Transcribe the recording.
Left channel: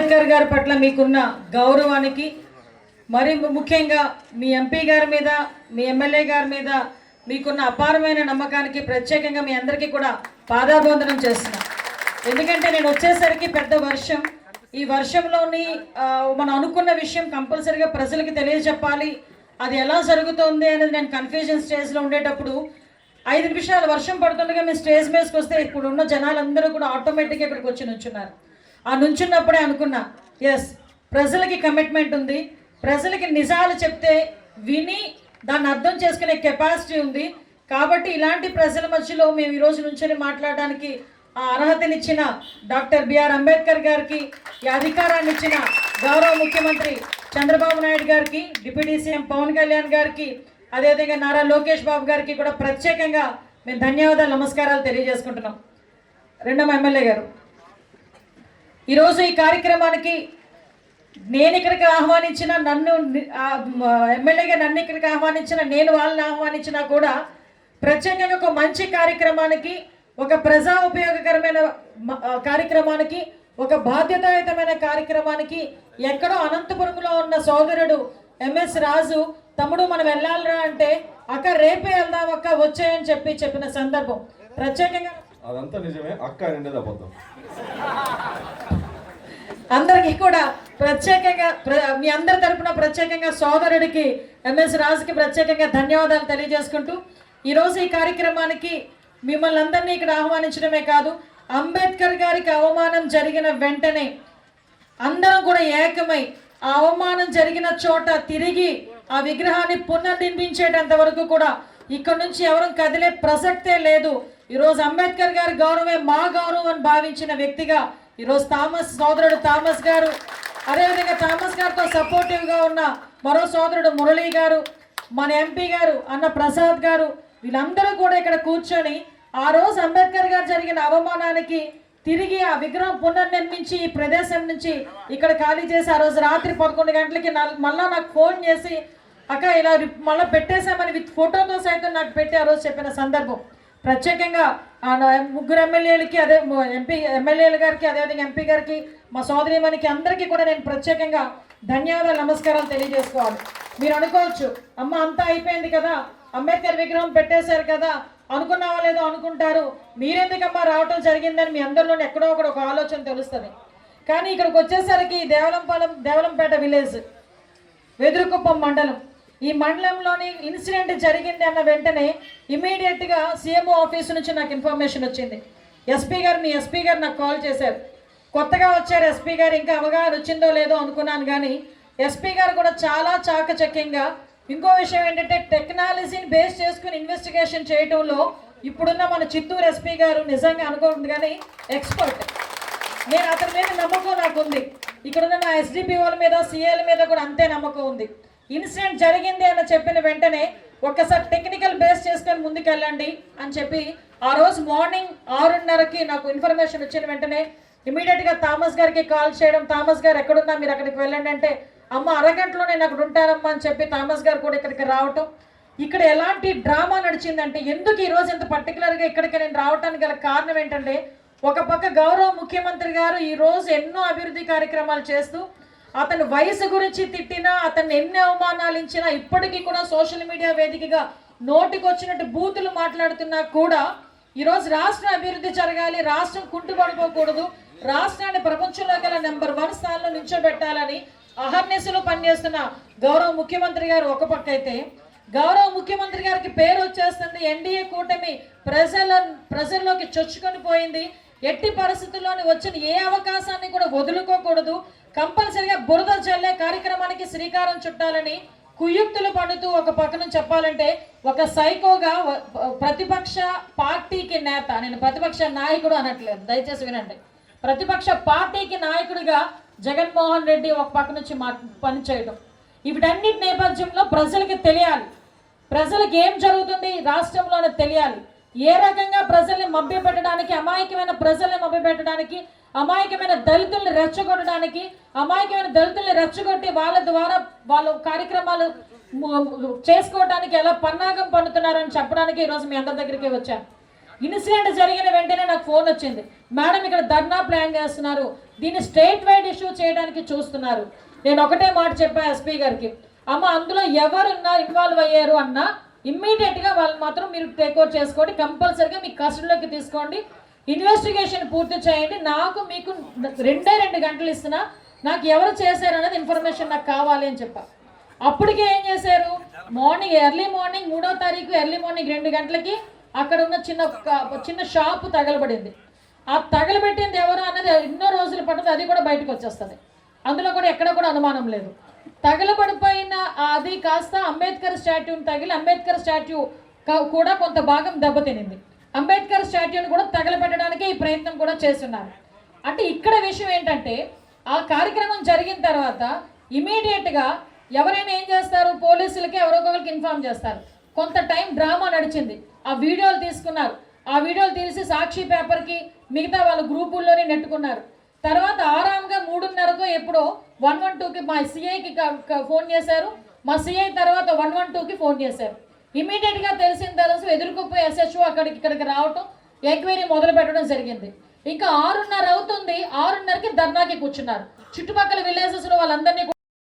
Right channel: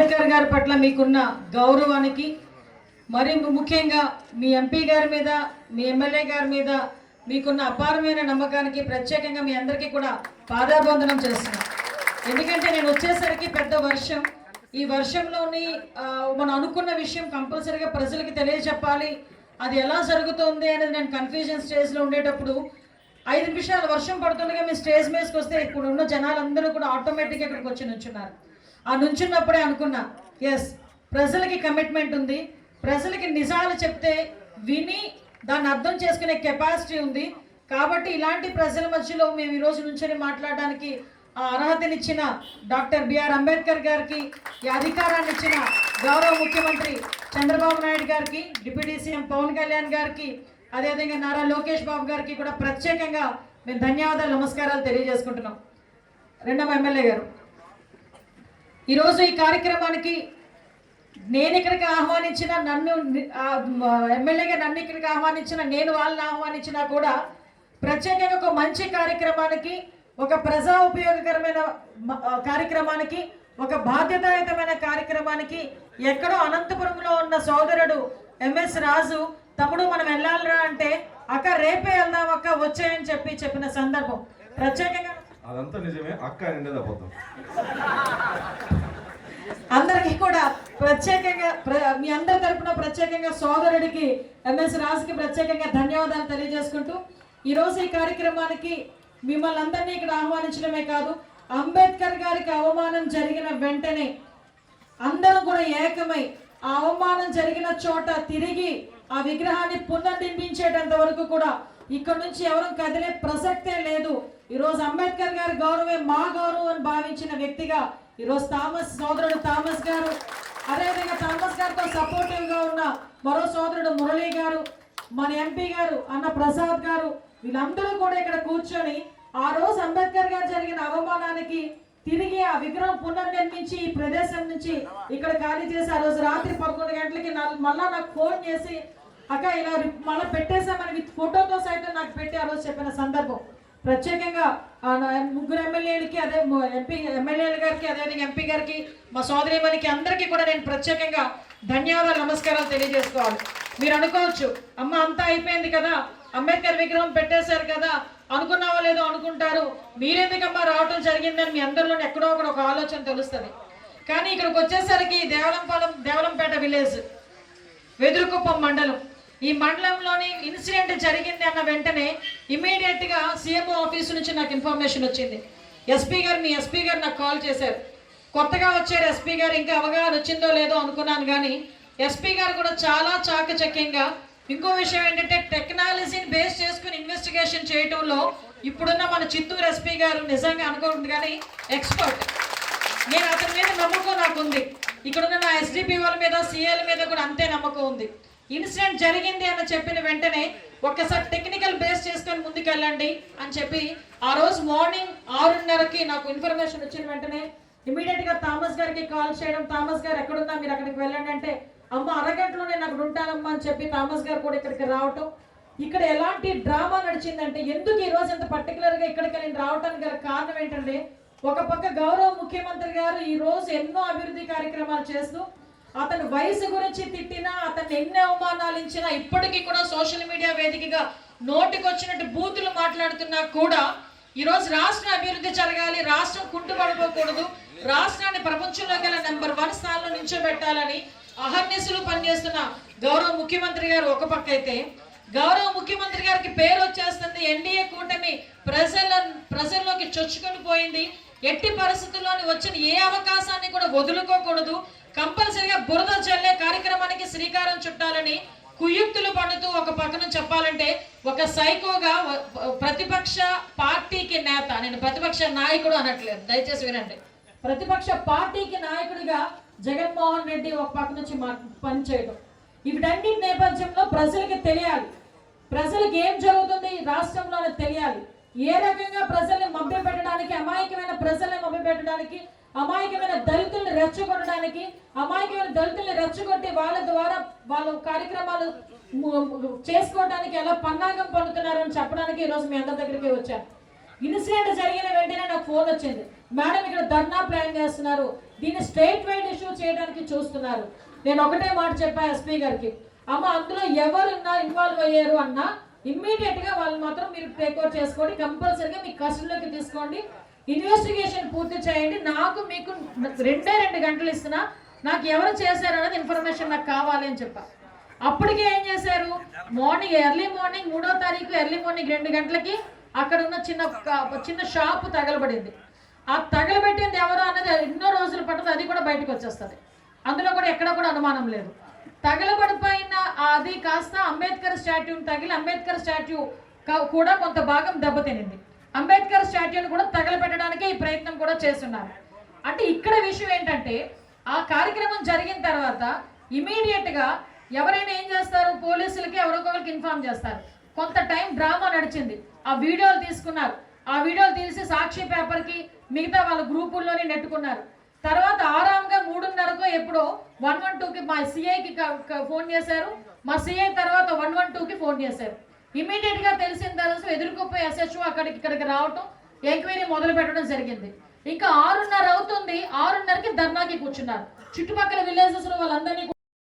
అంబేద్కర్ గారి పట్ల మీకున్న గౌరవానికి మరి ముఖ్యంగా మీ ఎంపీ గారి మీద మీ ఎమ్మెల్యే గారి మీద మీకున్న అపారమైన నమ్మకానికి ప్రత్యేకంగా మీ అందరికీ కూడా పాదాభోందనం చేస్తున్నాను ఎందుకంటే నేను వచ్చేసరికి పెద్ద వర్షం. ఈ వర్షంలోని మనం అనుకున్న విషయం కంపల్సరిగా ప్రజలకి తెలియజెప్పాలి. అది ఎలా జరుగుతుంది అనేది నేను కన్ఫ్యూజన్ స్టేజ్లో ఉండేటప్పుడు ఐదు నిమిషాలు వర్షం పడుతుండగా మీ స్టేజ్ మీదకి వస్తే ఇప్పుడు ఉన్న జనాలందరూ కూడా ఆటోమేటిక్గా ఇక్కడికి వచ్చి నుంచున్నారు ఆ నుంచున్నప్పుడే అనుకున్నా ఎస్ ప్రజలకి కమిట్మెంట్ ఉంది. ప్రజలకి నిజాలు చెప్తే విని దాన్ని అర్థం చేసుకునే కెపాసిటీ ఉంది. కాబట్టి ఇలాంటి ప్రజల మధ్యలో మేము ఈరోజు నుంచొని మాట్లాడడానికి ఆ అర్హతనిచ్చిన డాక్టర్ బిఆర్ అంబేద్కర్ గారికి ఈ అధికారాన్ని ఇచ్చిన గౌరవ ముఖ్యమంత్రి చంద్రబాబు నాయుడు గారికి డిప్యూటీ సీఎం పవన్ కళ్యాణ్ గారికి అదేవిధంగా నారా లోకేష్ బాబు గారికి కూడా ప్రత్యేకంగా మేము ధన్యవాదాలు నమస్కారాలు తెలియజేసుకుంటున్నాం. రెండవ ఎమ్మెల్యే గారు. ఈరోజు ఈ కార్యక్రమానికి నేను ఇక్కడికి ఆహ్వానించిన నన్ను ఎమ్మెల్యేగా నన్ను ఇక్కడికి ఆహ్వానించిన నేను వాళ్ళని ఆహ్వానించినా కూడా ప్రత్యేకంగా ఒక మంచి కార్యక్రమానికి ఒక ప్రజా ఉపయోగకరమైన కార్యక్రమానికి ఒక బాధ్యతాయుతమైన కార్యక్రమానికి ఎక్కడో అనంతపురంలో ఉన్న సోదరుడు ఎంఎస్ రాజు తమ్ముడు మనం వెళ్ళాలిరా అంటే అక్క రేపే వెళ్దాం అక్క వచ్చాయని చెప్పి చెప్పిన సందర్భం. ప్రత్యేకంగా అదంతా నిజమే అక్క నిండేది అబద్ధం. అందరికీ కూడా ప్రత్యేకంగా ప్ర- మీ అందరి తరపున ప్రత్యేకంగా సోదరుడికి ఎంఎస్ రాజుకి ప్రత్యేకంగా ధన్యవాదాలు తెలియజేసుకుంటూ ఈరోజు ఈ కార్యక్రమానికి మిమ్మల్ని అందరినీ ఇక్కడ ఆహ్వానించడమే కాదు అంబేద్కర్ గారికి అవమానం జరిగిన వెంటనే అందరం కూడా ఏకమై ఆ అవమానం జరిగిన చోట తిరిగి ఆ విగ్రహాన్ని పునర్నిర్మించేటంత వరకు కూడా ఇక్కడ నుంచి ఎవరు కదిలే ప్రసక్తే లేదు. ఈరోజు అంబేద్కర్ గారి గౌరవమే మా గౌరవం అని భావించిన వ్యక్తిగా ఈరోజు థామస్ సోదరుడు థామస్ గారు అదేవిధంగా థామస్ గారితో సపోర్టివ్గా ఉన్న మరో సోదరుడు మురళీ గారు మన ఎంపీ గారు అన్న ప్రసాద్ గారు వీళ్ళందరూ కూడా ఇక్కడ కూర్చొని ఆ రోజు అంబేద్కర్ గారు జరిగిన అవమానానికి తిరిగి ఆ విగ్రహం పునర్నిర్మించి ఈ ప్రదేశం నుంచి ఇక్కడ ఖాళీ చేసి ఆ రోజు రాత్రి పదకొండు గంటలకి నా- మళ్ళా నాకు ఫోన్ చేసి అక్క ఇలా మళ్ళీ పెట్టేశామని విత్ ఫోటోతో సైతం నాకు పెట్టి ఆ రోజు చెప్పిన సందర్భం. ప్రత్యేకంగా నా ముగ్గురు ఎమ్మెల్యేలకి అదే ఎంపీ ఎమ్మెల్యేల గారికి అదేవిధంగా ఎంపీ గారికి మా సోదరిమణికి అందరికీ కూడా నేను ప్రత్యేకంగా ధన్యవాదాలు నమస్కారాలు తెలియజేసుకోవాలి. మీరు అనుకోవచ్చు అమ్మ అంతా అయిపోయింది కదా అంబేద్కర్ విగ్రహం పెట్టేశారు కదా అనుకున్నావా లేదో అనుకుంటారు మీరెందుకమ్మా రావటం జరిగిందని మీ అందరిలోని ఎక్కడో ఒకటి ఒక ఆలోచన తెలుస్తుంది. కానీ ఇక్కడికి వచ్చేసరికి దేవలంపాలెం దేవలంపేట విలేజ్ వెదురుకుప్పం మండలం. ఈ మండలంలోని ఇన్సిడెంట్ జరిగింది అన్న వెంటనే ఇమీడియట్గా సీఎంఓ ఆఫీస్ నుంచి నాకు ఇన్ఫర్మేషన్ వచ్చింది. ఎస్పీ గారు మీ ఎస్పీ గారు నాకు కాల్ చేశారు. కొత్తగా వచ్చారు ఎస్పీ గారు ఇంకా అవగాహన వచ్చిందో లేదో అనుకున్నాను కానీ ఎస్పీ గారు కూడా చాలా చాకచక్యంగా ఇంకో విషయం ఏంటంటే టెక్నాలజీని బేస్ చేసుకుని ఇన్వెస్టిగేషన్ చేయడంలో ఇప్పుడున్న మన చిత్తూరు ఎస్పీ గారు నిజంగా అనుకోండి కానీ ఎక్స్పర్ట్ నేను అతని మీద నమ్మకం నాకు ఉంది. ఇక్కడున్న నా ఎస్డిపి వాళ్ళ మీద సిఎల్ మీద కూడా అంతే నమ్మకం ఉంది. ఇన్సిడెంట్ జరిగింది అని చెప్పిన వెంటనే ఒక్కసారి టెక్నికల్ బేస్ చేసుకొని ముందుకెళ్ళండి అని చెప్పి ఆ రోజు మార్నింగ్ ఆరున్నరకి నాకు ఇన్ఫర్మేషన్ వచ్చిన వెంటనే ఇమీడియట్గా థామస్ గారికి కాల్ చేయడం థామస్ గారు ఎక్కడున్నా? మీరు అక్కడికి వెళ్ళండి అంటే అమ్మ అరగంటలో నేను అక్కడ ఉంటానమ్మా అని చెప్పి థామస్ గారు కూడా ఇక్కడికి రావటం. ఇక్కడ ఎలాంటి డ్రామా నడిచిందంటే ఎందుకు ఈరోజు ఇంత పర్టికులర్గా ఇక్కడికి నేను రావడానికి గల కారణం ఏంటంటే ఒక పక్క గౌరవ ముఖ్యమంత్రి గారు ఈరోజు ఎన్నో అభివృద్ధి కార్యక్రమాలు చేస్తూ అతని వయసు గురించి తిట్టినా అతన్ని ఎన్ని అవమానాలు ఇచ్చినా ఇప్పటికీ కూడా సోషల్ మీడియా వేదికగా నోటికొచ్చినట్టు బూతులు మాట్లాడుతున్నా కూడా ఈరోజు రాష్ట్ర అభివృద్ధి జరగాలి రాష్ట్రం కుంటుపడిపోకూడదు రాష్ట్రాన్ని ప్రపంచంలో గల నెంబర్ వన్ స్థానంలో నిల్చోబెట్టాలని అహర్నిశలు పనిచేస్తున్న గౌరవ ముఖ్యమంత్రి గారు ఒక పక్క అయితే గౌరవ ముఖ్యమంత్రి గారికి పేరు వచ్చేస్తుంది ఎన్డీఏ కూటమి ప్రజల ప్రజల్లోకి చొచ్చుకొని పోయింది. ఎట్టి పరిస్థితుల్లోని వచ్చిన ఏ అవకాశాన్ని కూడా వదులుకోకూడదు. కంపల్సరిగా బురద చల్లే కార్యక్రమానికి శ్రీకారం చుట్టాలని కుయుక్తులు పండుతూ ఒక పక్కన చెప్పాలంటే ఒక సైకోగా ప్రతిపక్ష పార్టీకి నేత నేను ప్రతిపక్ష నాయకుడు అనట్లేదు దయచేసి వినండి. ప్రతిపక్ష పార్టీకి నాయకుడిగా జగన్మోహన్ రెడ్డి ఒక పక్క నుంచి మా పనిచేయడం వీటన్నిటి నేపథ్యంలో ప్రజలకి తెలియాలి. ప్రజలకు ఏం జరుగుతుంది రాష్ట్రంలోనే తెలియాలి. ఏ రకంగా ప్రజల్ని మభ్యపెట్టడానికి అమాయకమైన ప్రజల్ని మభ్యపెట్టడానికి అమాయకమైన దళితుల్ని రెచ్చగొట్టడానికి అమాయకమైన దళితుల్ని రెచ్చగొట్టి వాళ్ళ ద్వారా వాళ్ళ కార్యక్రమాలు చేసుకోవడానికి ఎలా పన్నాగం పన్నుతున్నారని చెప్పడానికి ఈరోజు మీ అందరి దగ్గరికి వచ్చాను. ఇన్సిడెంట్ జరిగిన వెంటనే నాకు ఫోన్ వచ్చింది. మేడం ఇక్కడ ధర్నా ప్లాన్ చేస్తున్నారు. దీన్ని స్టేట్ వైడ్ ఇష్యూ చేయడానికి చూస్తున్నారు. నేను ఒకటే మాట చెప్పా ఎస్పీ గారికి. అమ్మ అందులో ఎవరున్నా ఇన్వాల్వ్ అయ్యారు అన్నా ఇమ్మీడియట్గా వాళ్ళు మాత్రం మీరు టేక్ ఓవర్ చేసుకోండి. కంపల్సరీగా మీ కస్టడీలోకి తీసుకోండి. ఇన్వెస్టిగేషన్ పూర్తి చేయండి. నాకు మీకు రెండే రెండు గంటలు ఇస్తున్నా. నాకు ఎవరు చేశారు అనేది ఇన్ఫర్మేషన్ నాకు కావాలి అని చెప్పా. అప్పటికే ఏం చేశారు? మార్నింగ్ ఎర్లీ మార్నింగ్ మూడో తారీఖు ఎర్లీ మార్నింగ్ రెండు గంటలకి అక్కడ ఉన్న చిన్న చిన్న షాపు తగలబడింది. ఆ తగలబెట్టింది ఎవరు అనేది ఎన్నో రోజులు పడుతుంది. అది కూడా బయటకు వచ్చేస్తుంది. అందులో కూడా ఎక్కడ కూడా అనుమానం లేదు. తగలబడిపోయిన అది కాస్త అంబేద్కర్ స్టాట్యూని తగిలి అంబేద్కర్ స్టాట్యూ కూడా కొంత భాగం దెబ్బతినింది. అంబేద్కర్ స్టాట్యూని కూడా తగలపెట్టడానికి ఈ ప్రయత్నం కూడా చేస్తున్నారు. అంటే ఇక్కడ విషయం ఏంటంటే ఆ కార్యక్రమం జరిగిన తర్వాత ఇమీడియట్గా ఎవరైనా ఏం చేస్తారు? పోలీసులకి ఎవరో ఒకరికి ఇన్ఫార్మ్ చేస్తారు. కొంత టైం డ్రామా నడిచింది. ఆ వీడియోలు తీసుకున్నారు. ఆ వీడియోలు తీసి సాక్షి పేపర్కి మిగతా వాళ్ళ గ్రూపుల్లోనే నెట్టుకున్నారు. తర్వాత ఆరాంగా మూడున్నరకు ఎప్పుడో వన్ వన్ టూకి మా సిఐకి ఫోన్ చేశారు. మా సిఐ తర్వాత వన్ వన్ టూకి ఫోన్ చేశారు. ఇమీడియట్గా తెలిసిన తర్వాత ఎదుర్కొపోయి ఎస్హెచ్ఓ అక్కడికి ఇక్కడికి రావటం ఎంక్వైరీ మొదలు పెట్టడం జరిగింది. ఇంకా ఆరున్నర అవుతుంది ఆరున్నరకి ధర్నాకి కూర్చున్నారు. చుట్టుపక్కల విలేజెస్లో వాళ్ళందరినీ